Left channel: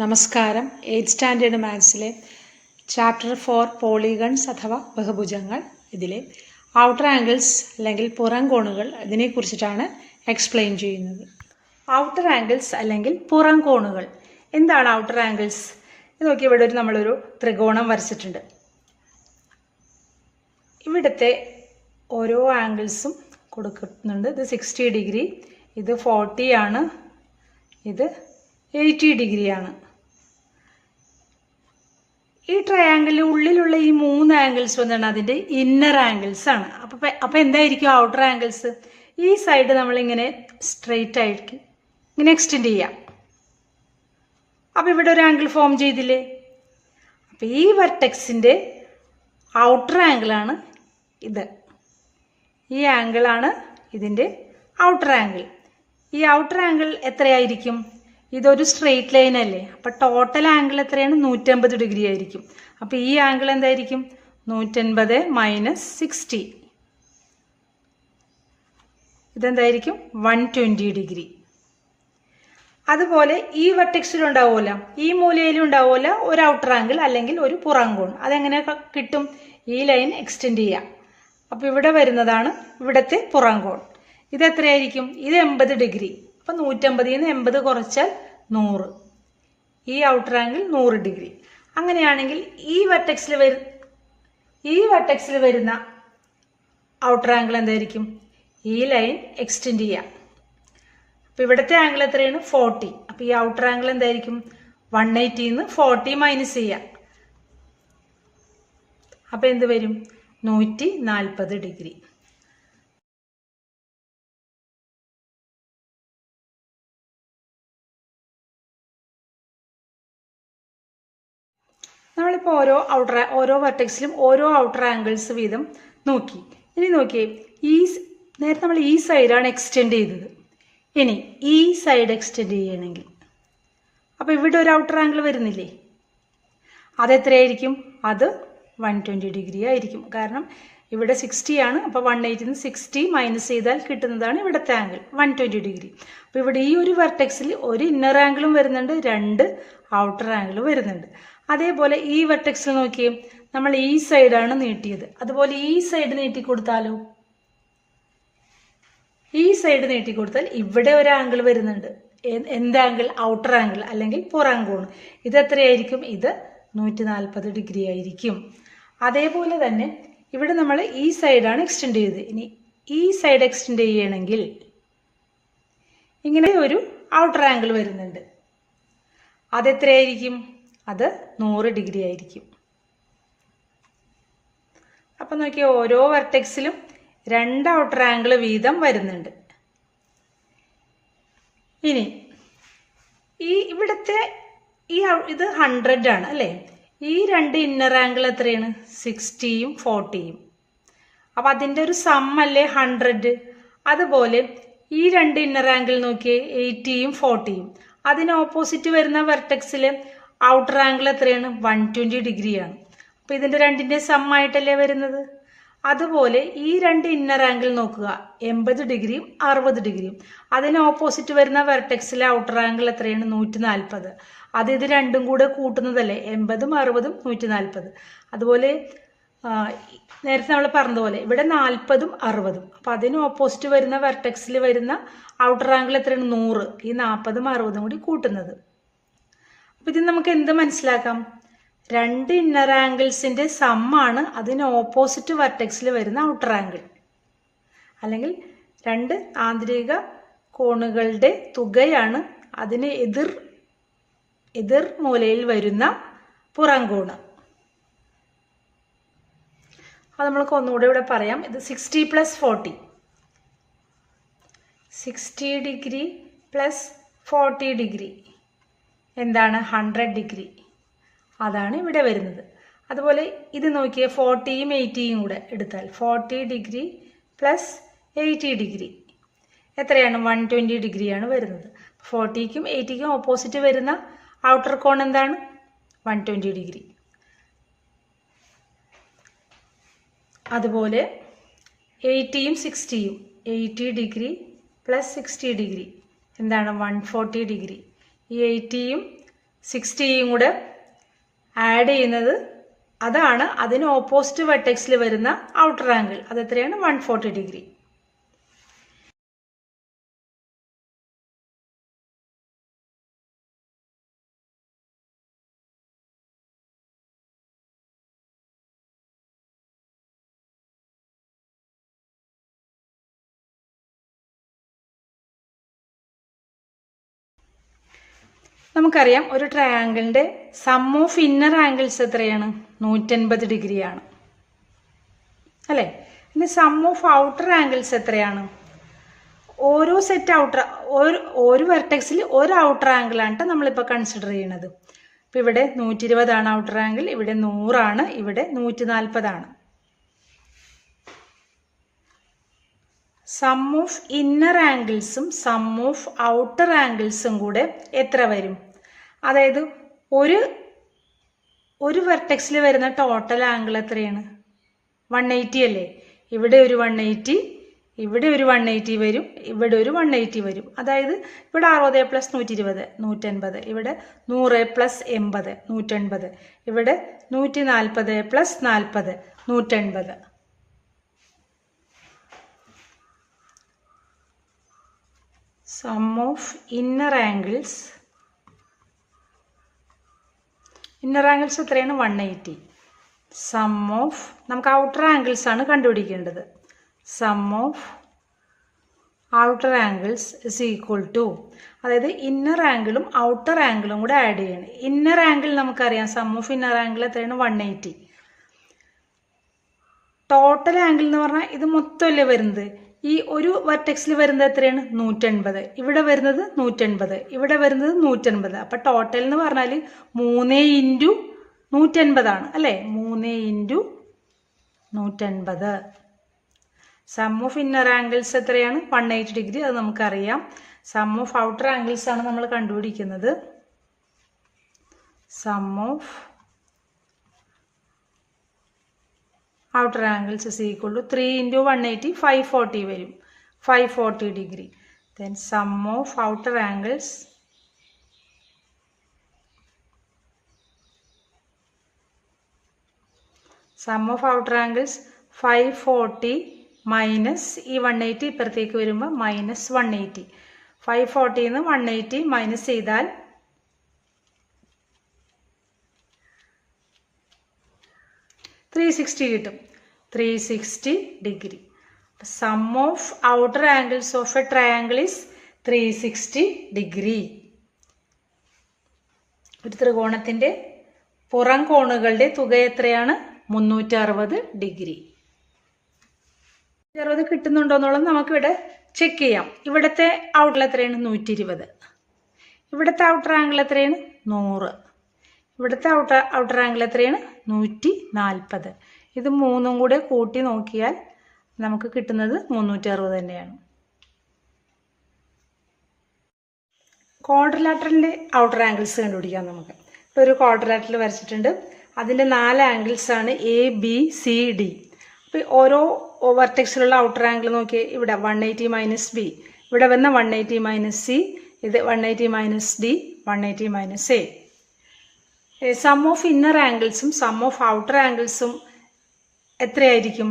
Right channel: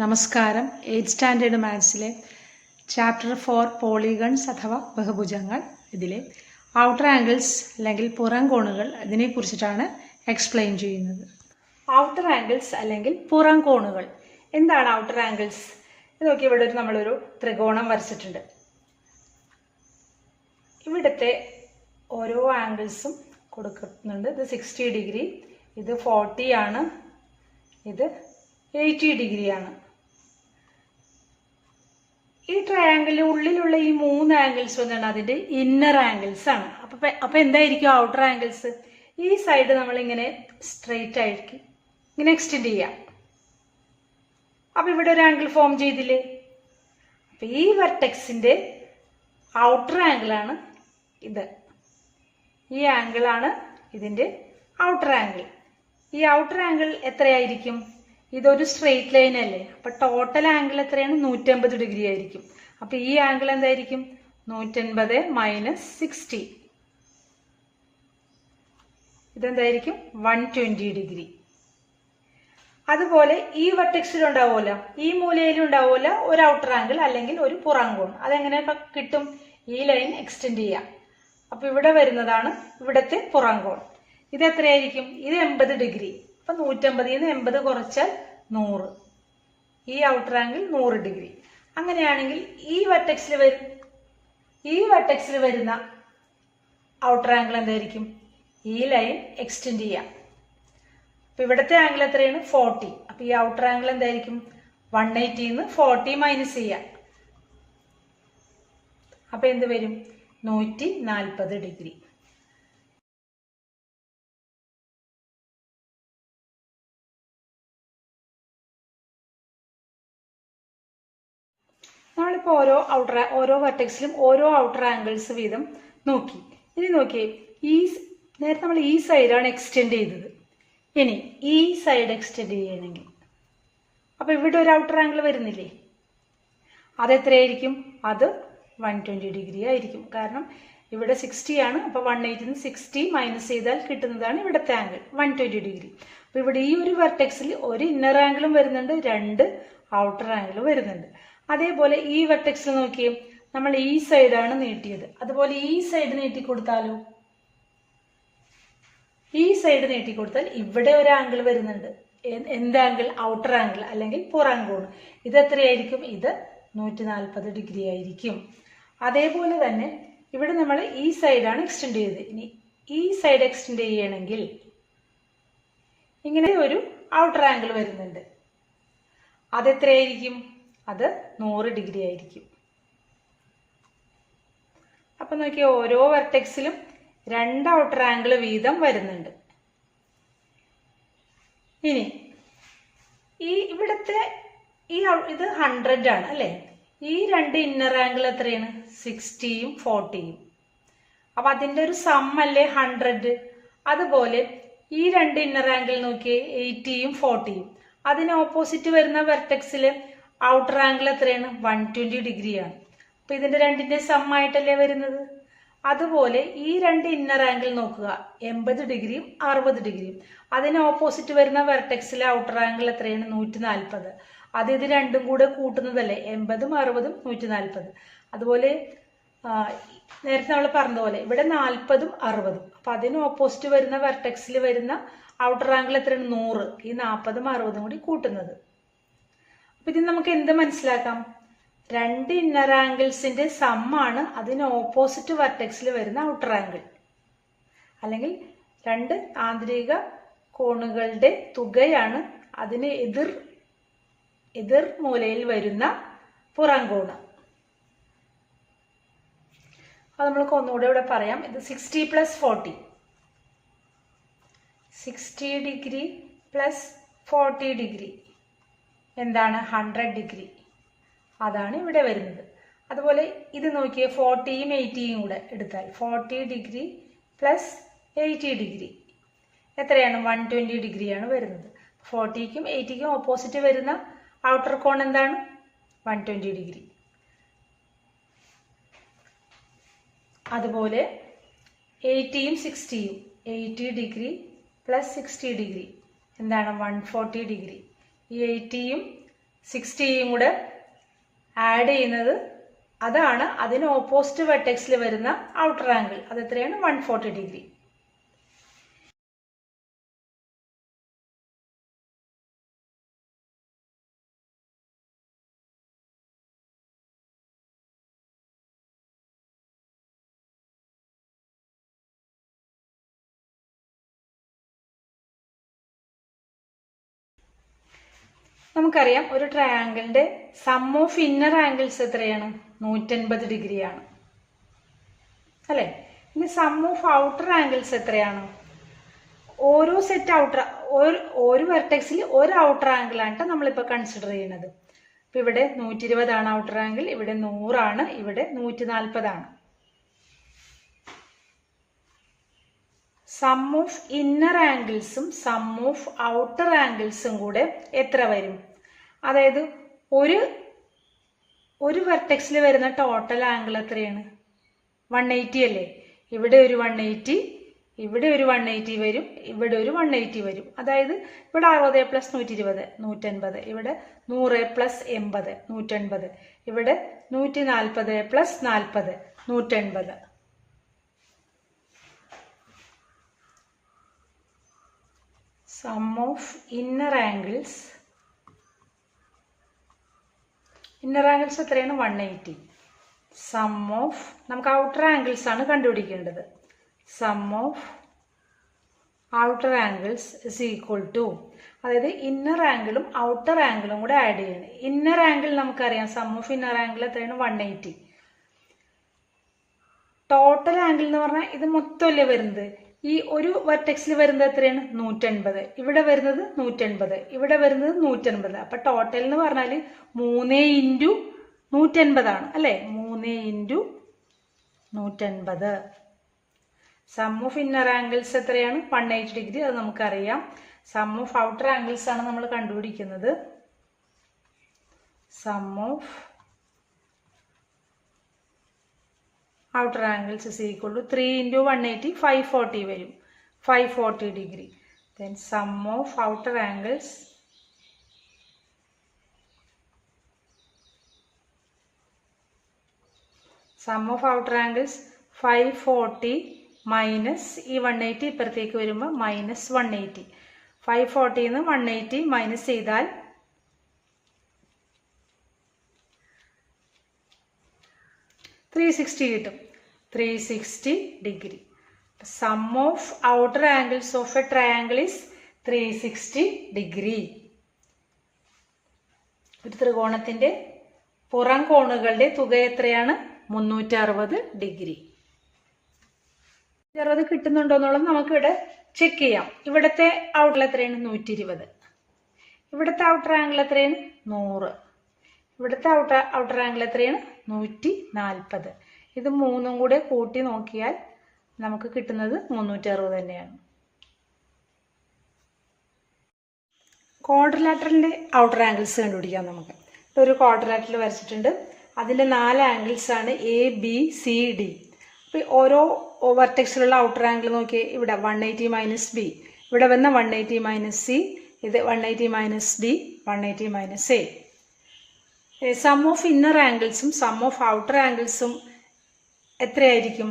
നമസ്കാരം. 8th standard മാത്സിലെ chapter 4 polygons അഥവാ ബഹുഭുജങ്ങൾ, ഇതിലെ ഔട്ടർ ആംഗിൾസ് അല്ലെങ്കിൽ പുറം കോണുകൾ ഇതിനെക്കുറിച്ചിട്ടാണ് എക്സ്പ്ലെയിൻ ചെയ്യുന്നത്. ഔട്ടർ ആംഗിൾസ് അല്ലെങ്കിൽ പുറം കോണുകൾ എന്താണ്? ഔട്ടർ ആംഗിൾസ് ഇത് നോക്കി, ഇവിടെ നമ്മളൊരു ത്രികോണം വരച്ചിട്ടുണ്ട്. ഇവിടുത്തെ ഓരോ ആംഗിൾസും കൊടുക്കുന്നുണ്ട്. ഇത് 60 ഡിഗ്രി, ഇത് 40 ആണ്, ഇത് 80 ഡിഗ്രിയാണ്. ഈ ട്രയാങ്കിളിന് ഉള്ളിലുള്ള ഈ 3 ആംഗിൾസ് വന്നാണ് അതിൻ്റെ ഇന്നർ ആംഗിൾസ് ആണ്. അപ്പോൾ എന്തായിരിക്കും ഔട്ടർ ആംഗിൾസ്? ഈ സൈഡ് നമ്മളിങ്ങനെ സ്ട്രെയിറ്റ് ആയിരിക്കും ഇങ്ങനെ എക്സ്റ്റെൻഡ് ചെയ്യാം. അപ്പോൾ ഇവിടെ ഒരു ആംഗിൾ ഫോം ചെയ്തില്ലേ? അപ്പോൾ ഈ വെർട്ടെക്സിൻ്റെ ഔട്ടർ ആംഗിളാണ് ഇത്. ഈ ആംഗിളാണ് ഇതിൻ്റെ ഔട്ടർ ആംഗിൾ. ഈ ഔട്ടർ ആംഗിൾ എത്രയായിരിക്കും? ഇതൊരു സ്ട്രെയിറ്റ് ലൈൻ അല്ലേ, അപ്പോൾ ടോട്ടൽ ആംഗിൾ എത്രയാണ്? 150 ഡിഗ്രി ആയിരിക്കും. അപ്പോൾ ഈ ആംഗിൾ എന്തായിരിക്കും? 150 മൈനസ് 60, ഇതെന്തായിരിക്കും? 120 ഡിഗ്രി. അതുപോലെ ഈ വെർട്ടെക്സിലും ഉണ്ടാവുമല്ലോ, ഈ മൂലയിലും ഉണ്ടാവുമല്ലോ ഒരു ഔട്ടർ ആംഗിൾ അല്ലെങ്കിൽ ഒരു പുറം കോൺ. അതെങ്ങനെ കിട്ടും? ഈ ലൈൻ എക്സ്റ്റെൻഡ് ചെയ്യാം. അപ്പോൾ ഇവിടെ വരുന്നതാണ് ഇവിടുത്തെ പുറം കോൺ. ഇത് എത്രയായിരിക്കും? ഇത് 80 ഡിഗ്രി. അപ്പം 150 നിന്ന് 80 കുറച്ചാൽ 100. ഈ ഔട്ടർ ആംഗിൾ 100 ഡിഗ്രി. അങ്ങനെയാണെങ്കിൽ ഈ വെർട്ടെക്സിൽ വരുന്ന ഔട്ടർ ആംഗിൾ എന്തായിരിക്കും? ഈ ലൈൻ എക്സ്റ്റെൻഡ് ചെയ്യാം. അപ്പം ഇവിടുത്തെ ആംഗിൾ എത്രയാണ്? 40. അപ്പം ഈ ഔട്ടർ ആംഗിൾ എന്തായിരിക്കും? 180 നിന്ന് 40 മൈനസ് ചെയ്യാം. അപ്പം എന്ത് വരും? 140 ഡിഗ്രി. നമ്മളിപ്പോൾ ഓരോ വെർട്ടെക്സിലും ഓരോ ഔട്ടർ ആംഗിൾസ് വീതം നോക്കി. ഇനി നോക്കിയേ, നേരത്തെ നമ്മൾ ഈ സൈഡാണ് എക്സ്റ്റെൻഡ് ചെയ്തത്. ഇനി ഈ സൈഡ് എക്സ്റ്റെൻഡ് ചെയ്യണമെങ്കിൽ അപ്പോൾ ഇവിടെ ഒരു ഔട്ടർ ആംഗിൾ വരുന്നില്ലേ? അതെത്രയായിരിക്കും? അത് 120 ഡിഗ്രി ആയിരിക്കും. കാരണം ഇവിടെ 60 ആണ്. അപ്പോൾ 180 നിന്ന് 60 മൈനസ് ചെയ്താൽ കിട്ടുന്നതാണ് ഇവിടുത്തെ ആംഗിൾ 120 ഡിഗ്രി. അപ്പോൾ ഇവിടെ ഈ ഒരു വെർട്ടെക്സിൽ ഒരു ഇന്നർ ആംഗിളും വരുന്നുണ്ട്, 2 ഔട്ടർ ആംഗിളും വരുന്നുണ്ട്. അതേപോലെ ഈ വെർട്ടെക്സിൽ നോക്കിയേ, നമ്മൾ ഈ സൈഡാണ് നീട്ടിയത്. അതുപോലെ ഈ സൈഡ് നീട്ടിക്കൊടുത്താലോ? ഈ സൈഡ് നീട്ടിക്കൊടുത്താൽ ഇവിടെ ഒരു ആംഗിൾ വരുന്നുണ്ട്. എന്ത് ആംഗിൾ? ഔട്ടർ ആംഗിൾ അല്ലെങ്കിൽ പുറം കോൺ. ഇത് എത്രയായിരിക്കും? ഇത് 140 ഡിഗ്രി ആയിരിക്കും. അതേപോലെ തന്നെ ഇവിടെ നമ്മൾ ഈ സൈഡാണ് എക്സ്റ്റെൻഡ് ചെയ്തത്. ഇനി ഈ സൈഡ് എക്സ്റ്റെൻഡ് ചെയ്യണമെങ്കിൽ ഇങ്ങനെ ഒരു ഔട്ടർ ആംഗിൾ വരുന്നുണ്ട്. അതെത്രയായിരിക്കും? അത് 100 ഡിഗ്രി ആയിരിക്കും. അപ്പം നോക്കിയാൽ ഓരോ വെർട്ടെക്സിലും 2 ഔട്ടർ ആംഗിൾ വീതം വരുന്നുണ്ട്. ഇനി ഇവിടുത്തെ ഇത് 100 ആണ് അല്ലേ? ഈ 2 ഇന്നർ ആംഗിൾ എത്രയാണ്? 60യും 40യും. അപ്പം അതിൻ്റെ ഒരു സം അല്ലേ 100. അതുപോലെ ഈ 2 ഇന്നർ ആംഗിൾ നോക്കിയേ, 80യും 40യും. അതിന് ഓപ്പോസിറ്റ് വരുന്ന വെർട്ടെക്സിൽ ഔട്ടർ ആംഗിൾ എത്രയാണ്? 120 ഡിഗ്രിയാണ്. അപ്പോൾ ഇതിൻ്റെ രണ്ടിൻ്റെ സം ആയിട്ടല്ലേ വരുന്നത്? അതുപോലെ ഈ 2 ഇന്നർ ആംഗിൾ നോക്കുക, 80 ഡിഗ്രിയും 60 ഡിഗ്രിയും. അതിന് ഓപ്പോസിറ്റ് വരുന്ന വെർട്ടെക്സിലെ ഔട്ടർ ആംഗിൾ എത്രയാണ്? 140. അത് ഇത് രണ്ടും കൂടെ കൂട്ടുന്നതല്ലേ? 80ഉം 60ഉം 140. അതുപോലെ നേരത്തെ നമ്മൾ പറഞ്ഞതുപോലെ ഇവിടെ 40ഉം 60ഉം. അപ്പം അതിന് ഓപ്പോസിറ്റ് വരുന്ന വെർട്ടെക്സിൽ വരുന്ന ഔട്ടർ ആംഗിൾ എത്രയാണ്? 100. ഈ 40ഉം 60ഉം കൂടി കൂട്ടുന്നത്. അപ്പം ഇത് നമുക്ക് എന്ത് മനസ്സിലാക്കാം? 2 ഇന്നർ ആംഗിൾസിൻ്റെ സമ്മാണ് അതിന് ഓപ്പോസിറ്റ് വെർട്ടെക്സിൽ വരുന്ന ഔട്ടർ ആംഗിൾ, അല്ലെങ്കിൽ 2 ആന്തരിക കോണുകളുടെ തുകയാണ് അതിന് എതിർ മൂലയിൽ വരുന്ന പുറം കോണ്. അത് നമ്മൾക്ക് ഒന്നുകൂടെ ഇവിടെ പറയാം. ഇത് 60 പ്ലസ് 40, 60 ഡിഗ്രി പ്ലസ് 40 ഡിഗ്രി എന്താണ്? 100 ഡിഗ്രി. അതാണ് ഇവിടെ വരുന്നത്. അതുപോലെ ഇത് നോക്കിയേ, 40യും 80യും കൂടെ എടുത്താൽ 40 ഡിഗ്രി പ്ലസ് 80 ഡിഗ്രി എത്രയാണ്? 120 ഡിഗ്രിയാണ് വരുന്നത്. 40ക്കും 80ക്കും ഓപ്പോസിറ്റ് വരുന്ന ഔട്ടർ കോൺ എന്താണ്? 120 ഡിഗ്രി. അതുപോലെ 80യും 60യും, 80 ഡിഗ്രി പ്ലസ് 60 ഡിഗ്രി എന്താണ്? 140 ഡിഗ്രി. ഈ 80യും 60യും കൂടെ ആഡ് ചെയ്യുന്നത്, അതാണ് അതിന് ഓപ്പോസിറ്റ് വെർട്ടെക്സിൽ വരുന്ന ഔട്ടർ ആംഗിൾ. അത് എത്രയാണ്? 140 ഡിഗ്രി. നമുക്കറിയാം ഒരു ട്രയാങ്കിളിന്റെ സം ഓഫ് ഇന്നർ ആംഗിൾസ് എത്രയാണ്? 180 ഡിഗ്രിയാണ് അല്ലേ? ഇനി സം ഓഫ് ഔട്ടർ ആംഗിൾസ് എത്രയാണ്? ഓരോ സെറ്റ് ഒരു വെർട്ടെക്സിൽ ഒരു ഔട്ടർ ആംഗിൾ ആണ് നമ്മളിപ്പോൾ കൺസിഡർ ചെയ്യുന്നത്. ഇപ്പം ഇവിടെ 120 ഔട്ടർ ആംഗിൾ, ഇവിടെ 100, ഇവിടെ 140. സം ഓഫ് ഇന്നർ ആംഗിൾസും സം ഓഫ് ഔട്ടർ ആംഗിൾസും കൂടെ എത്ര വരും? അതായത് ഒരു വെർട്ടെക്സിൽ വരുന്ന ടോട്ടൽ ആംഗിൾ എത്രയാണ്? 180 അല്ലേ? ഇവിടെ ഒരു 180, ഇവിടെ ഒരു 180 വരും, ഇവിടെ ഒരു 180 വരും. അതായത് ഇവിടെ 60 + 120 180, ഇവിടെ 100 + 80 180, ഇവിടെ 140 + 40 180. സം ഓഫ് ഇന്നർ ആംഗിൾസ് എത്രയാണ്? 180. സം ഓഫ്, നമുക്ക് ഔട്ടർ ആംഗിൾസ് ആണ് കണ്ടുപിടിക്കേണ്ടത്. Sum of outer angles is equal to, അതായത് ഇന്നർ ആംഗിളും ഔട്ടർ ആംഗിളും കൂടെ ആഡ് ചെയ്യണം. ഇന്നർ ആംഗിൾ നമുക്കറിയാം, സം ഓഫ് ഇന്നർ ആംഗിൾ എത്രയാണ്? 180. ടോട്ടൽ ആംഗിൾ എന്ന് പറഞ്ഞാൽ ഇത് മൊത്തമല്ലേ വരുന്നത്. ഈ ഒരു വെർട്ടെക്സിൽ വരുന്നത് എത്രയാണ്? 180. ഇവിടെ വരുന്നത് 180, ഇവിടെ വരുന്നത് 180. അപ്പം ടോട്ടൽ എന്ന് പറഞ്ഞാൽ 3 × 180 അല്ലേ? 3 × 180. സം ഓഫ് ഇന്നർ ആംഗിൾസ് എത്രയാണ്? 180 ഡിഗ്രി. അത് നമുക്കറിയാം. സം ഓഫ് ഔട്ടർ ആംഗിൾസ് ആണ് നമ്മൾ കണ്ടുപിടിക്കുന്നത്. Sum of outer angles is equal to 3 × 180 540 വരും, 540 degree. Then sum of outer angles sum of outer angles 540 minus ഈ 180 ഇപ്പുറത്തേക്ക് വരുമ്പോൾ -180. 540 180 മൈനസ് ചെയ്താൽ 360 കിട്ടും. 360 ഡിഗ്രി. Sum of outer angles of a triangle is 360 degree. ഒരു ത്രികോണത്തിന്റെ പുറം കോണുകളുടെ തുക എത്രയാണ്? 360 ഡിഗ്രി. 360 കിട്ടുന്നുണ്ടോ എന്നുള്ളത് നമുക്കിവിടെ ചെക്ക് ചെയ്യാം. ഇവിടുത്തെ ഔട്ടർ എത്രയാണ്? 120. ഇവിടുത്തെ ഔട്ടർ ആംഗിൾ എത്രയാണ്? 100. ഇവിടുത്തെ ഔട്ടർ ആംഗിൾ എത്രയാണ്? 140. ഇത് മൂന്നും കൂടെ കൂട്ടി നോക്കിയാൽ നമുക്ക് കിട്ടുന്നത് 360 തന്നെയാണ്. ക്വാഡ്രിലാറ്ററലിന്റെ ഔട്ടർ ആംഗിൾസ് കണ്ടുപിടിക്കാം നമുക്ക്. ഇപ്പോൾ ഒരു ക്വാഡ്രിലാറ്ററൽ വരച്ചിട്ടുണ്ട്. അതിൻ്റെ 4 ആംഗിൾസ് ആണ് ABCD. അപ്പോൾ ഓരോ വെർട്ടെക്സിലുള്ള ഔട്ടർ ആംഗിൾ നോക്കിയാൽ ഇവിടെ 180 - B, ഇവിടെ വന്ന 180 - C, ഇത് 180 - D, 180 - A. Sum of inner ആംഗിൾസും സം ഓഫ് ഔട്ടർ ആംഗിൾസും എത്രയായിരിക്കും?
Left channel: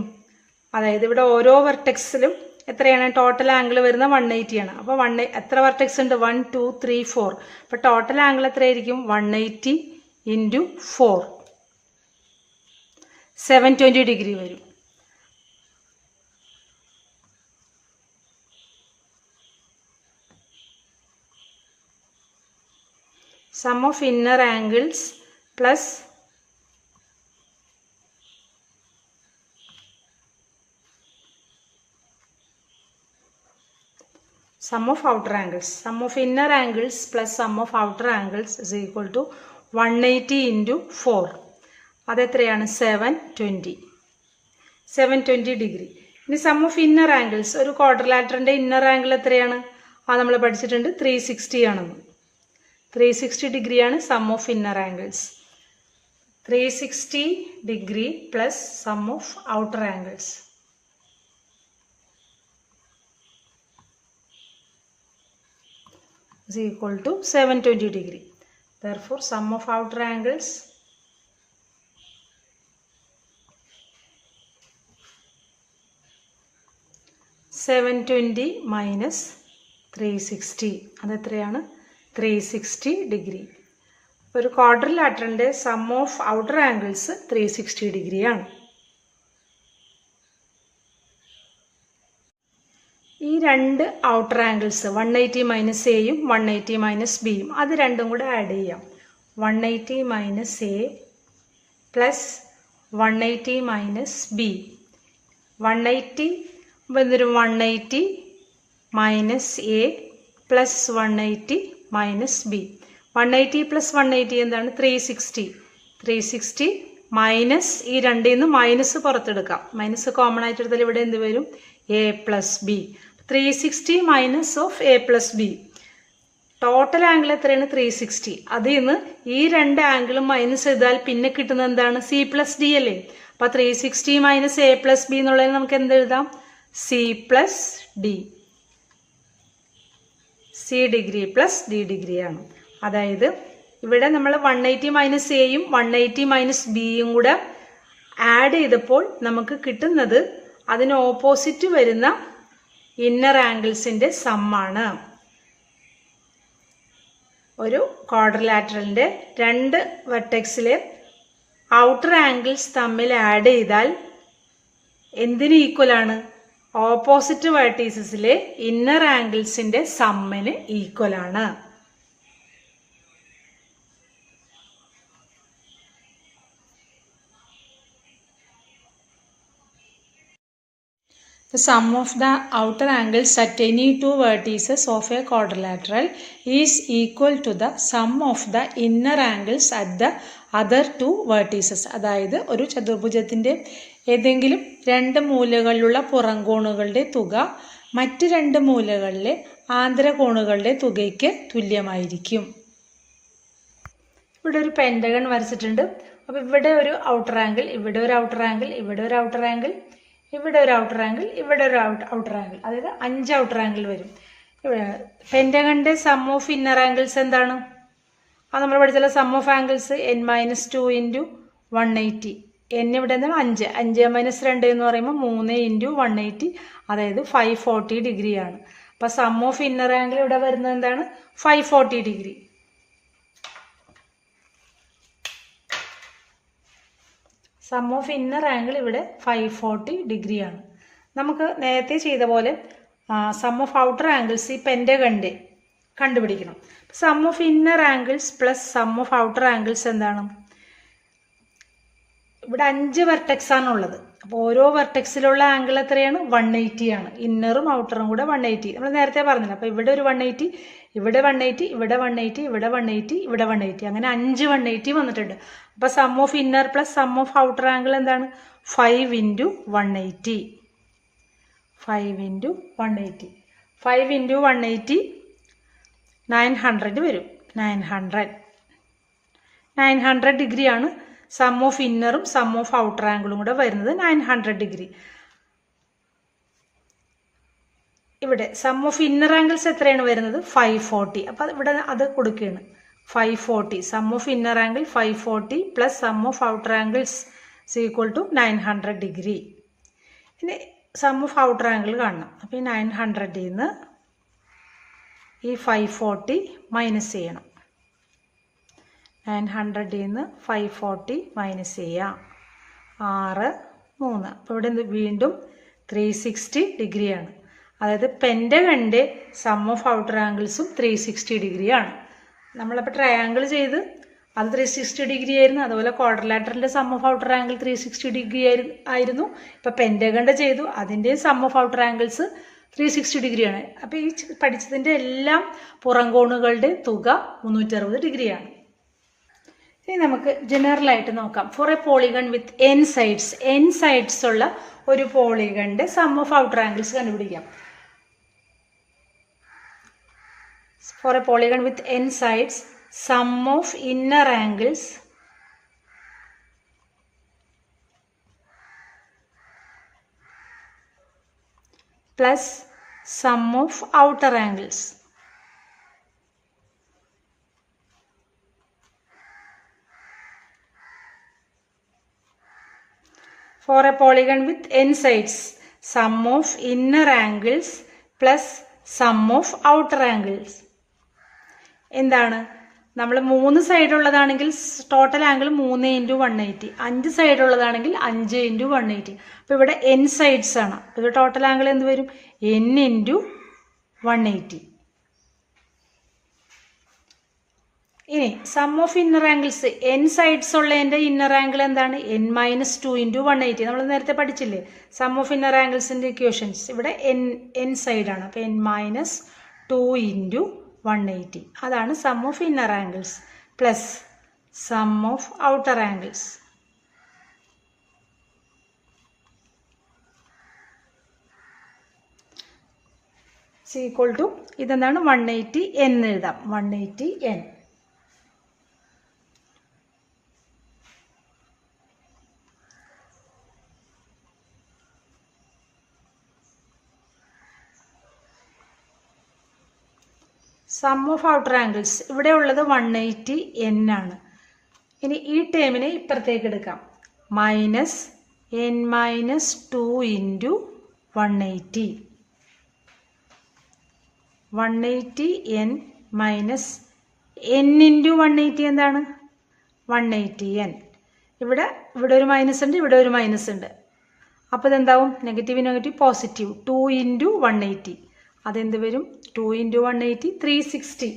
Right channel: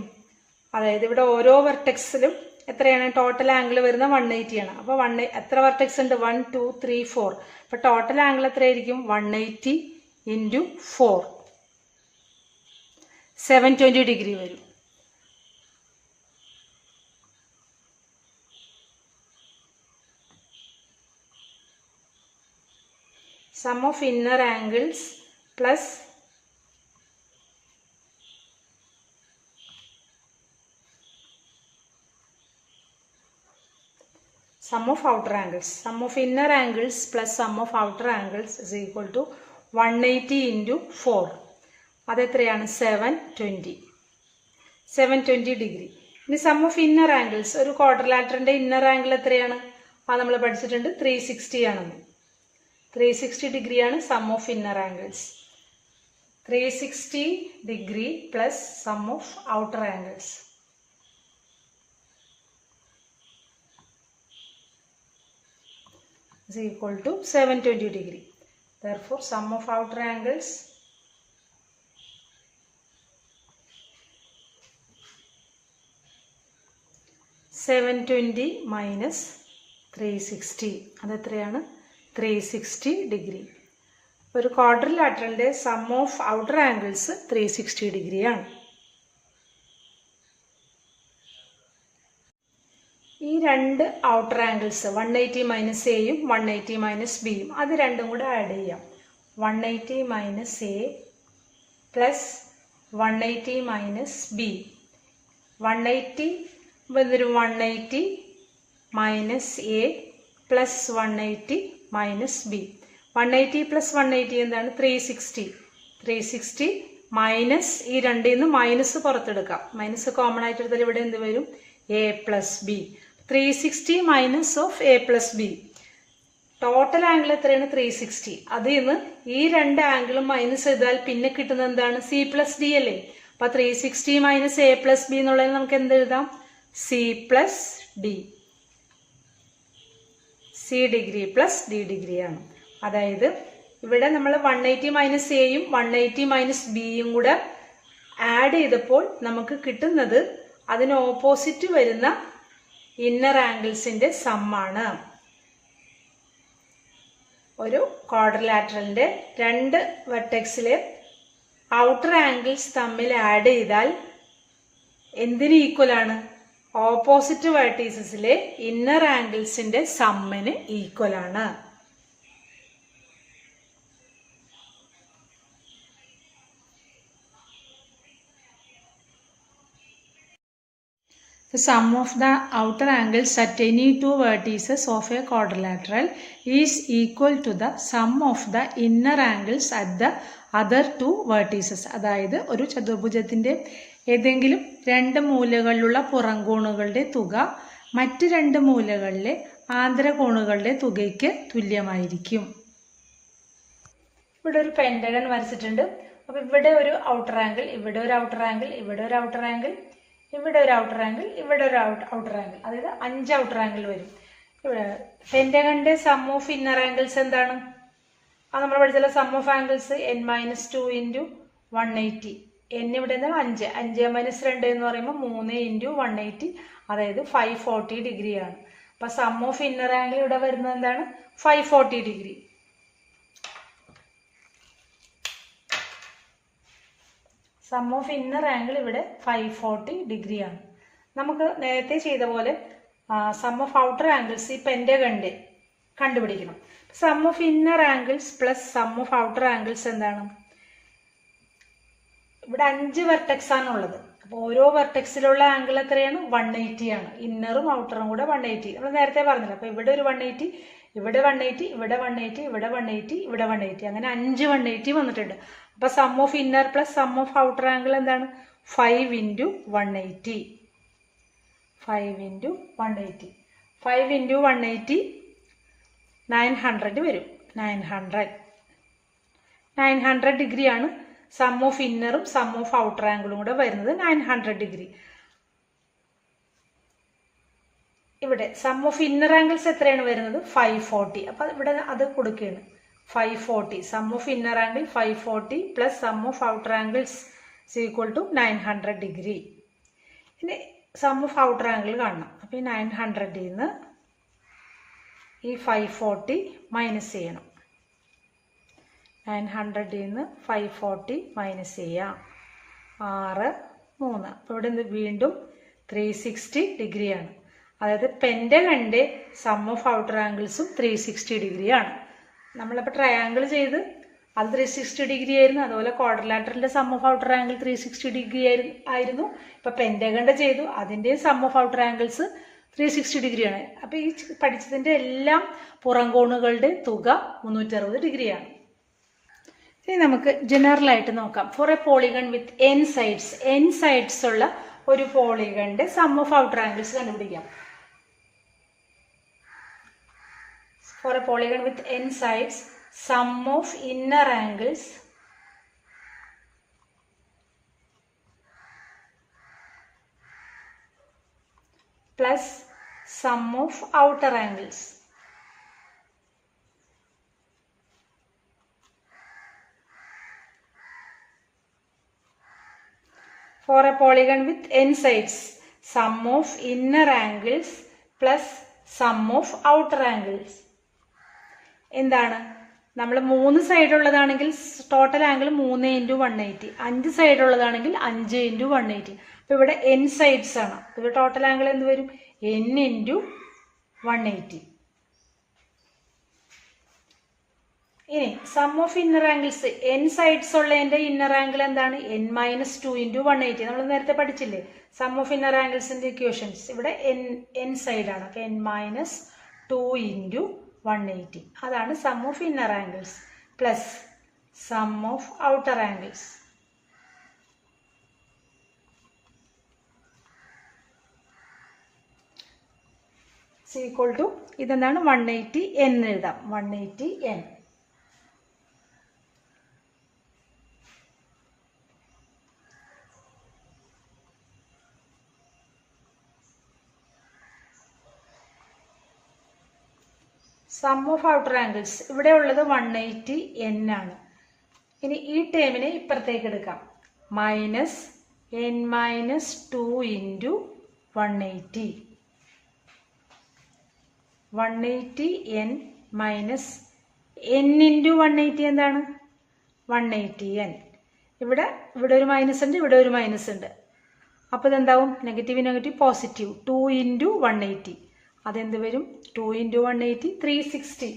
അതായത് ഇവിടെ ഓരോ വെർട്ടെക്സിലും എത്രയാണ് ടോട്ടൽ ആംഗിൾ വരുന്ന? 180 ആണ്. അപ്പോൾ എത്ര വെർട്ടെക്സ് ഉണ്ട്? 1 2 3 4. അപ്പോൾ ടോട്ടൽ ആംഗിൾ എത്രയായിരിക്കും? 180 × 4 720 ഡിഗ്രി വരും. Sum of inner angles plus sum of outer angles. Sum of inner angles plus sum of outer angles is equal to 180 × 4. അത് എത്രയാണ്? 720 ഡിഗ്രി. ഇനി സം ഓഫ് ഇന്നർ ആംഗിൾസ്, ഒരു ക്വാഡ്രിലാറ്ററിന്റെ ഇന്നർ ആംഗിൾ എത്രയാണ്? അത് നമ്മൾ പഠിച്ചിട്ടുണ്ട്, 360 ആണെന്ന്. 360 ഡിഗ്രിയാണ് sum of inner angles. 360 degree plus sum of outer angles is equal to 720 degree. Therefore, sum of outer angles -720 minus 360. അത് എത്രയാണ്? 360 ഡിഗ്രി. ഒരു ക്വാഡ്രിലാറ്ററലിൻ്റെ സം ഓഫ് ഔട്ടർ ആംഗിൾസ് 360 ഡിഗ്രിയാണ്. ഈ രണ്ട് ഔട്ടർ ആംഗിൾസ് 180 മൈനസ് എയും 180 മൈനസ് ബിയും അത് രണ്ടും കൂടെ ആഡ് ചെയ്യാം. 180 minus A plus 180 minus B. 180 വന്നൊരു 180 minus A plus 180 minus B. 180 plus 180 എന്താണ്? 360. 360 മൈനസ് ഈ രണ്ടിൽ നിന്ന് മൈനസ് പുറത്തെടുക്കാം. മൈനസ് കോമൺ ആയിട്ട് എടുത്താൽ ഇവിടെ എന്ത് വരും? A plus B. 360 minus of A plus B. Total angle എത്രയാണ്? 360. അതിൽ നിന്ന് ഈ രണ്ട് ആംഗിളും മൈനസ് ചെയ്താൽ പിന്നെ കിട്ടുന്നത് എന്താണ്? സി പ്ലസ് ഡി അല്ലേ? അപ്പൊ 360 മൈനസ് എ പ്ലസ് ബി എന്നുള്ളത് നമുക്ക് എന്ത് എഴുതാം? C plus D. C degree plus D ഡിഗ്രിയാണ്. അതായത് ഇവിടെ നമ്മൾ 180 മൈനസ് എയും 180 മൈനസ് ബിയും കൂടെ ആഡ് ചെയ്തപ്പോൾ നമുക്ക് കിട്ടുന്നത് അതിന് ഓപ്പോസിറ്റ് വരുന്ന ഇന്നർ ആംഗിൾസിന്റെ സമ്മാണ്. ഒരു ക്വാഡ്രിലാറ്ററലിന്റെ രണ്ട് വെർട്ടെക്സിലെ ഔട്ടർ ആംഗിൾസ് തമ്മിൽ ആഡ് ചെയ്താൽ എന്തിന് ഈക്വൽ ആണ്? ഓപ്പോസിറ്റ് വെർട്ടീസസിലെ ഇന്നർ ആംഗിൾസിന്റെ സമ്മിന് ഈക്വൽ ആണ്. The sum of the outer angles at any two vertices of a quadrilateral is equal to the sum of the inner angles at the other two vertices. അതായത് ഒരു ചതുർഭുജത്തിൻ്റെ ഏതെങ്കിലും രണ്ട് മൂലകളിലുള്ള പുറംകോണുകളുടെ തുക മറ്റ് രണ്ട് മൂലകളിലെ ആന്തരകോണുകളുടെ തുകയ്ക്ക് തുല്യമായിരിക്കും. ഇവിടെ ഒരു പെൻറ്റഗൺ വരച്ചിട്ടുണ്ട്. അപ്പോൾ ഇവിടെ ഒരു ഔട്ടർ ആംഗിൾ, ഇവിടെ ഒരു ഔട്ടർ ആംഗിൾ, ഇവിടെ ഒരു ഔട്ടർ ആംഗിൾ, ഇവിടെ ഒരു ഔട്ടർ ആംഗിൾ, ഇവിടെ ഒരു ഔട്ടർ ആംഗിൾ, അതായത് 5 ഔട്ടർ ആംഗിൾ വരും. ഇവിടെ പെൻറ്റഗണിൻ്റെ സം ഓഫ് ഇന്നർ ആംഗിൾസ് എന്താണ്? അത് നമ്മൾ പഠിച്ചാൽ sum of angles n-2 into 180. n ഇവിടെ എന്താണ്? 5. 5 മൈനസ് 2 എന്ന് പറയുമ്പോൾ 3 ഇൻറ്റു 180, അതായത് 540 ഡിഗ്രിയാണ്. അപ്പോൾ സം ഓഫ് ഇന്നർ ആംഗിൾ ഇവിടെ വരുന്നത് എന്താണ്? 540 degree. Sum of inner angle ഇവിടെ 540 ഡിഗ്രിയാണ്. നമുക്ക് നേരത്തെ ചെയ്ത പോലെ സം ഓഫ് ഔട്ടർ ആംഗിൾസ് ഈ പെൻറ്റഗണിൻ്റെ കണ്ടുപിടിക്കണം. Sum of inner angles plus sum of outer angles എന്താണ്? ഇവിടെ 5 വെർട്ടെക്സ് ആണുള്ളത്. അപ്പോൾ ഓരോ വെർട്ടെക്സിലുള്ള ആംഗിൾ എത്രയാണ്? 180 ആണ്. ഇന്നറും ഔട്ടറും കൂടെ 180. നമ്മൾ നേരത്തെ പറഞ്ഞില്ല. അപ്പോൾ ഇവിടെ ഒരു 180, ഇവിടെ 180, ഇവിടെ 180, ഇവിടെ 180, ഇവിടെ 180, അങ്ങനെ 5 180 വന്നിട്ടുണ്ട്. അപ്പോൾ sum of inner plus sum of outer angle എന്താണ്? 5 ഇൻറ്റു 180. 5 ഇൻറ്റു 180. 5 ഇൻറ്റു 180 900 വരും. 900 ഡിഗ്രിയാണ് സം ഓഫ് ഇന്നറും സം ഓഫ് ഔട്ടർ ആംഗിളും കൂടെ വരുന്നത്. 900 ഡിഗ്രി. ഇവിടെ സം ഓഫ് ഇന്നർ ആംഗിൾസ് എത്രയാണ് വരുന്നത്? 540. അപ്പോൾ ഇവിടെ അത് കൊടുക്കുകയാണ്. 540. Sum of inner angle 540 plus sum of outer angles equal to 900 degree. ഇനി സം ഓഫ് ഔട്ടർ ആംഗിൾ കാണണം. അപ്പോൾ ഈ 900ൽ നിന്ന് ഈ 540 മൈനസ് ചെയ്യണം. 900ൽ നിന്ന് 540 മൈനസ് ചെയ്യാം. 6, 3. അപ്പോൾ ഇവിടെ വീണ്ടും 360 ഡിഗ്രിയാണ്. അതായത് പെൻറ്റഗണിൻ്റെ സം ഓഫ് ഔട്ടർ ആംഗിൾസും 360 ഡിഗ്രിയാണ്. നമ്മളപ്പോൾ ട്രയാങ്കിൾ ചെയ്ത് അത് 360 ഡിഗ്രി ആയിരുന്നു. അതുപോലെ ക്വാഡ്രിലാറ്ററിൻ്റെ sum of outer angle 360 degree ആയിരുന്നു. ഇപ്പോൾ പെൻറ്റഗണിൻ്റെ ചെയ്തു, അതിൻ്റെ സം ഓഫ് ഔട്ടർ ആംഗിൾസ് 360 ഡിഗ്രിയാണ്. അപ്പോൾ ഈ പഠിച്ചതിൻ്റെ എല്ലാം പുറംകോണുകളുടെ തുക 360 ഡിഗ്രിയാണ്. ഇനി നമുക്ക് ജനറലായിട്ട് നോക്കാം. For a polygon with n sides ഉള്ള ഒരു പോളിഗണിൻ്റെ സം ഓഫ് ഔട്ടർ ആംഗിൾസ് കണ്ടുപിടിക്കാം. For a polygon with n sides, sum of inner angles plus sum of outer angles for a polygon with n sides, sum of inner angles plus sum of outer angles. എന്താണ്? നമ്മൾ 3 side ഉള്ളതാണെങ്കിൽ total angle 3 × 180, 5 side ഉള്ളതാണെങ്കിൽ 5 × 180. അപ്പോൾ ഇവിടെ n sides ആണ്. ഇത് total angle എന്ത് വരും? n × 180. ഇനി sum of inner angles, n sides ഉള്ളതിൻ്റെ ഇന്നർ ആംഗിൾ എന്താണ്? n - 2 × 180. നമ്മൾ നേരത്തെ പഠിച്ചില്ലേ സം ഓഫ് ഇന്നർ ആംഗിൾസിൻ്റെ ഇക്വേഷൻസ്. ഇവിടെ n സൈഡാണ്, അപ്പോൾ n - 2 × 180. അതാണ് sum of inner angles plus sum of outer angles. Equal to ഇതെന്താണ്? 180 n എഴുതാം. 180 n. Sum of outer angles ഇവിടെ ഉള്ളത് 180 n ആണ്. ഇനി ഈ ടേമിനെ ഇപ്പുറത്തേക്ക് എടുക്കാം. -n - 2 × 180. 180 n മൈനസ് n × 180 എന്താണ്? 180 n. ഇവിടെ ഒരു മൈനസ് ഉണ്ട്, ഇവിടെ ഒരു മൈനസ് ഉണ്ട്. അപ്പോൾ ഇതെന്താവും? Negative negative positive. 2 × 180. അതെന്ത് വരും? 2 × 180 360.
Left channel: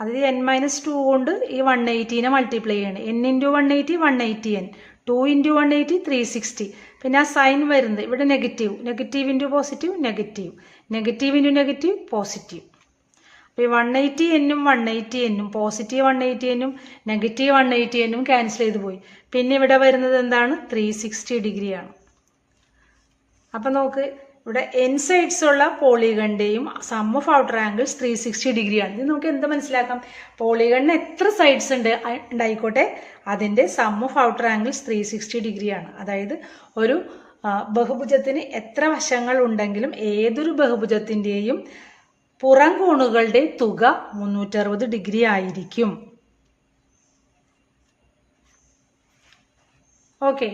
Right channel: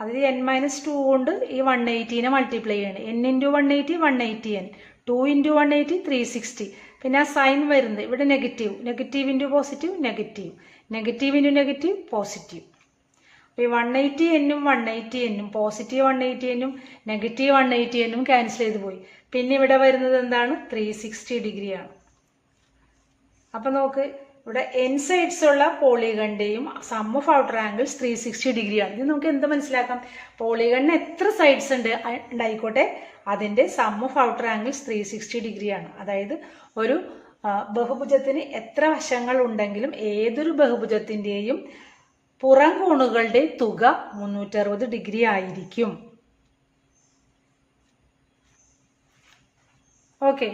അത് n - 2 കൊണ്ട് ഈ 180നെ മൾട്ടിപ്ലൈ ചെയ്യണം. n × 180 180 n, 2 × 180 360. പിന്നെ ആ സൈൻ വരുന്നത് ഇവിടെ negative, negative into positive negative, negative into negative positive. അപ്പോൾ ഈ 180 n-ഉം 180 n-ഉം പോസിറ്റീവ് 180 n-ഉം നെഗറ്റീവ് 180 n-ഉം ക്യാൻസൽ ചെയ്ത് പോയി. പിന്നെ ഇവിടെ വരുന്നത് എന്താണ്? 360 ഡിഗ്രിയാണ്. അപ്പം നോക്ക്, ഇവിടെ n സൈഡ്സ് ഉള്ള പോളിഗണിൻ്റെയും സം ഓഫ് ഔട്ടർ ആംഗിൾസ് 360 ഡിഗ്രിയാണ്. ഇത് നമുക്ക് എന്ത് മനസ്സിലാക്കാം? പോളിഗണിന് എത്ര സൈഡ്സ് ഉണ്ടായിക്കോട്ടെ അതിൻ്റെ സം ഓഫ് ഔട്ടർ ആംഗിൾസ് 360 ഡിഗ്രിയാണ്. അതായത് ഒരു ബഹുഭുജത്തിന് എത്ര വശങ്ങൾ ഉണ്ടെങ്കിലും ഏതൊരു ബഹുഭുജത്തിൻ്റെയും പുറം കോണുകളുടെ തുക 360 ഡിഗ്രി ആയിരിക്കും. ഓക്കെ.